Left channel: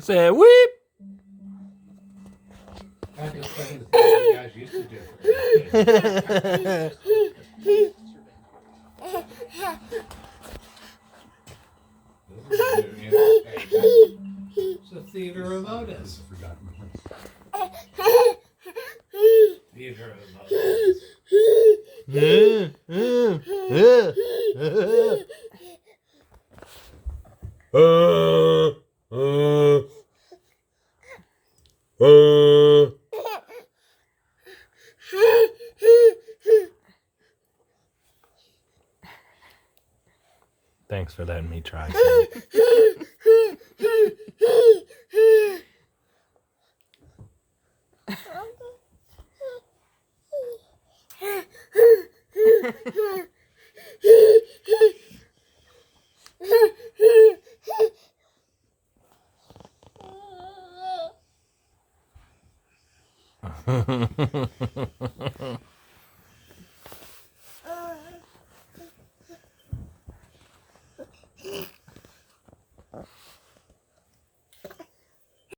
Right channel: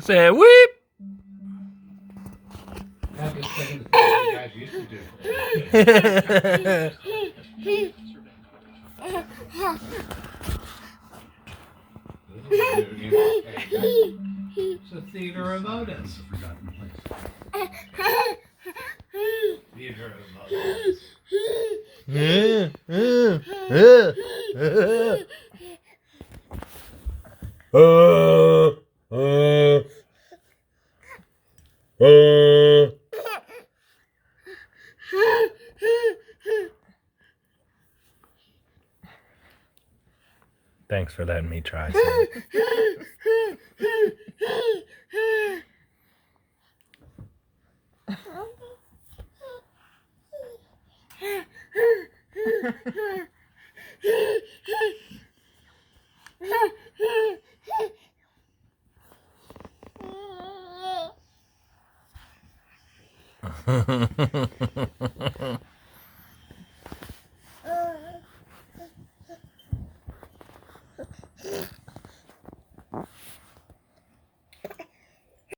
Say weep. Have this thing as you guys used to do. It's a theater of Otis. Theater of Otis. Thanks for letting me try.